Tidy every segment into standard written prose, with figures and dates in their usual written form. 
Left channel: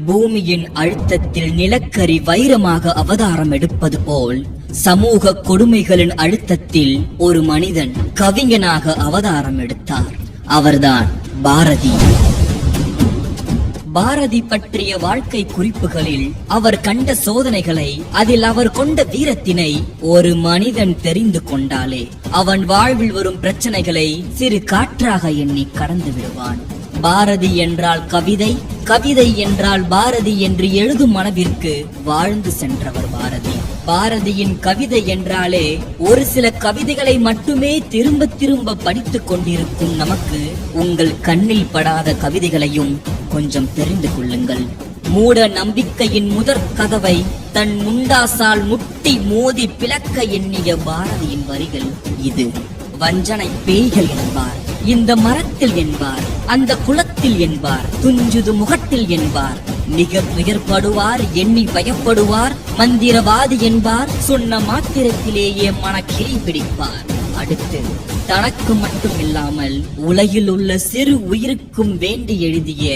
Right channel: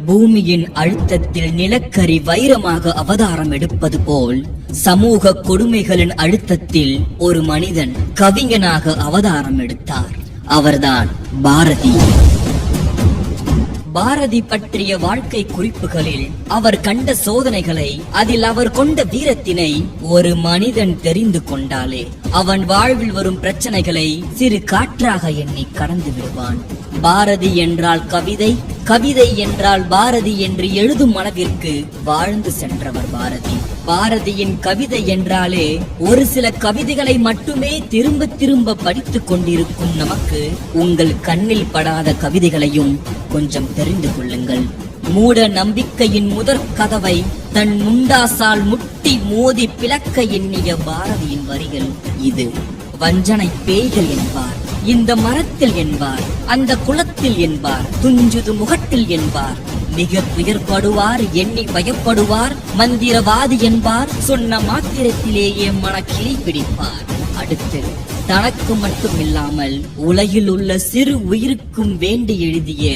பூமியின் அழுத்தத்தில் நிலக்கரி வைரமாக அவதாரம் எடுப்பது போல் சமூக கொடுமைகளின் அழுத்தத்தில் ஒரு மனிதன் கவிஞனாக அவதாரம் எடுத்தார். அவர்தான் பாரதி. பாரதி பற்றிய வாழ்க்கை குறிப்புகளில் அவர் கண்ட சோதனைகளை, அதில் அவர் கொண்ட வீரத்தினை ஒரு மனிதன் தெரிந்து கொண்டாலே அவன் வாழ்வில் வரும் பிரச்சனைகளை சிறு காற்றாக எண்ணி கடந்து விடுவான். பாரதி என்றால் கவிதை, கவிதை என்றால் பாரதி என்று எழுதும் மனதிற்கு வாழ்ந்து சென்றவர் பாரதி. பாரதியின் கவிதை என்றாலே ஒரு சில கவிதைகளை மட்டுமே திரும்ப திரும்ப படித்துக் கொண்டிருக்கும் நமக்கு உங்கள் கண்ணில் படாத கவிதைகளையும் கொஞ்சம் தெரிந்து கொள்ளுங்கள். மூட நம்பிக்கையின் முதற் கதவை தன் முண்டாசால் முட்டி மோதி பிளக்க எண்ணிய பாரதியின் வரிகள் இது. வஞ்சனை பேய்கள் என்பார், இந்த மரத்தில் என்பார், அந்த குளத்தில் என்பார், துஞ்சுது முகத்தில் என்பார், மிக துயர்படுவார், எண்ணி பயப்படுவார், மந்திரவாதி என்பார், சொன்ன மாத்திரத்திலேயே மனக்கிளி பிடிப்பார். அடுத்து தனக்கு மட்டும் இல்லாமல் உலகில் உள்ள சிறு உயிருக்கும் வேண்டி எழுதிய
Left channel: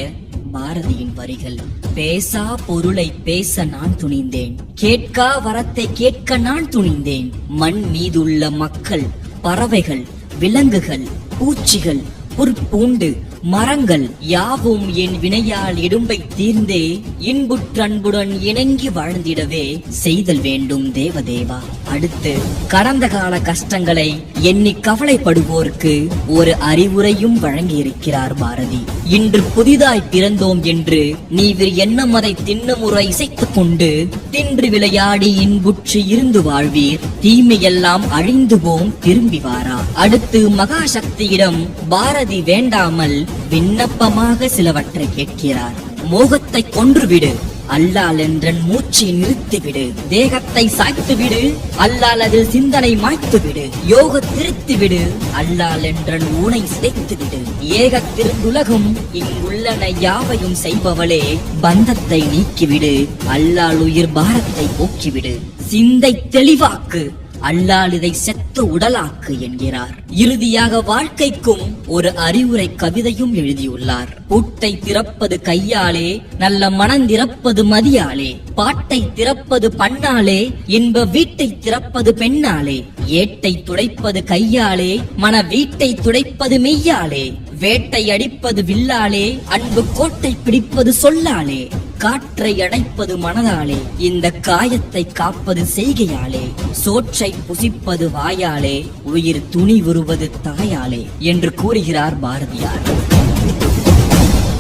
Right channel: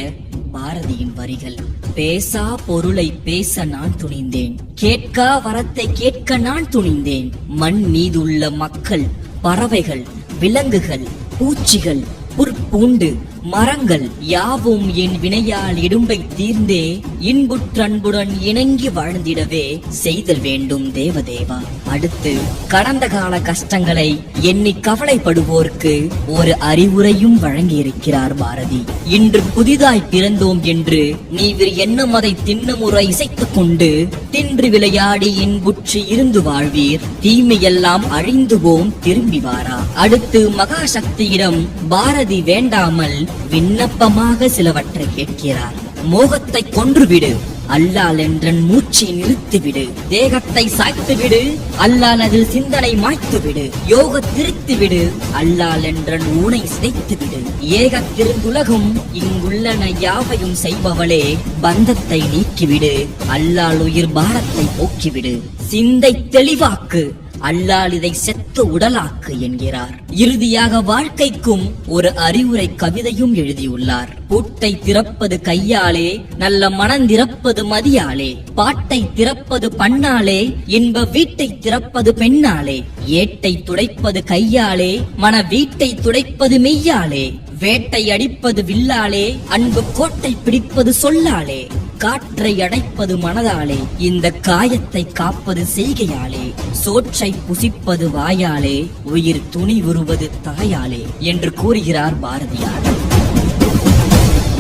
பாரதியின் வரிகள். பேசா பொருளை பேச நான் துணிந்தேன், கேட்கா வரத்தை கேட்க நான் துணிந்தேன். மண் மீதுள்ள மக்கள், பறவைகள், விலங்குகள், பூச்சிகள், புற்பூண்டு, மரங்கள் யாவும் என் வினையால் இடும்பை தீர்ந்தே இன்புற்றன்புடன் இணங்கி வாழ்ந்திடவே செய்தல் வேண்டும் தேவதேவா. அடுத்து கடந்த கால கஷ்டங்களை எண்ணி கவலைப்படுவோருக்கு ஒரு அறிவுரையும் வழங்கி இருக்கிறார் பாரதி. இன்று புதிதாய் பிறந்தோம் என்று நீ எண்ணம் அதை திண்ணமுறை இசைத்துக் கொண்டு தின்று விளையாடி இன்புற்று இருந்து வாழ்வீர், தீமையெல்லாம் அழிந்து போம் திரும்பி வாரா. அடுத்து மகாசக்தியிடம் பாரதி வேண்டாமல் விண்ணப்பமாக சிலவற்றை கேட்கிறார். மோகத்தை கொன்றுவிடு, அல்லால் என்றன் மூச்சை நிறுத்திவிடு. தேகத்தை சாய்த்துவிடு, அல்லால் அதில் சிந்தனை மாய்த்துவிடு. யோக திருத்திவிடு, அல்லால் என்றன் ஊனை சிதைத்துவிடு. ஏக திருந்துலகும் இங்குள்ளன யாவையும் செய்பவளே, பந்தத்தை நீக்கிவிடு, அல்லால் உயிர் பாரத்தை போக்கிவிடு. சிந்தை தெளிவாக்கு, அல்லால் இதை செத்த உடலாக்கு என்கிறார். இறுதியாக வாழ்க்கைக்கும் ஒரு அறிவுரை கவிதையும் எழுதியுள்ளார். பூட்டை திறப்பது கையாலே, நல்ல மனந்திறப்பது மதியாலே, பாட்டை திறப்பது பண்ணாலே, இன்ப வீட்டை திறப்பது பெண்ணாலே, ஏட்டை துடைப்பது கையாலே, மன வீட்டை துடைப்பது மெய்யாலே, வேட்டை அடிப்பது வில்லாலே, அன்பு கோட்டை பிடிப்பது சொல்லாலே, காற்றை அடைப்பது மனதாலே, இந்த காயத்தை காப்பது செய்கையாலே, சோற்றை புசிப்பது வாயாலே, உயிர் துணி உருவது தாயாலே என்று கூறுகிறார் பாரதியார்.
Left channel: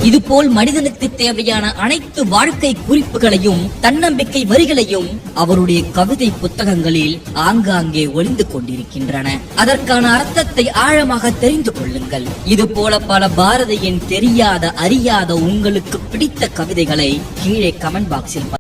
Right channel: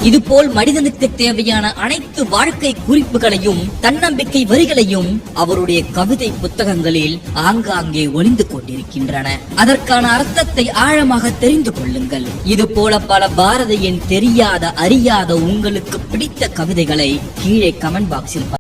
இதுபோல் மனிதனுக்கு தேவையான அனைத்து வாழ்க்கை குறிப்புகளையும் தன்னம்பிக்கை வரிகளையும் அவருடைய கவிதை புத்தகங்களில் ஆங்காங்கே ஒளிந்து கொண்டிருக்கின்றன. அதற்கான அர்த்தத்தை ஆழமாக தெரிந்து கொள்ளுங்கள். இது போல பல பாரதியின் தெரியாத அறியாத உங்களுக்கு பிடித்த கவிதைகளை கீழே கமெண்ட் பாக்ஸில்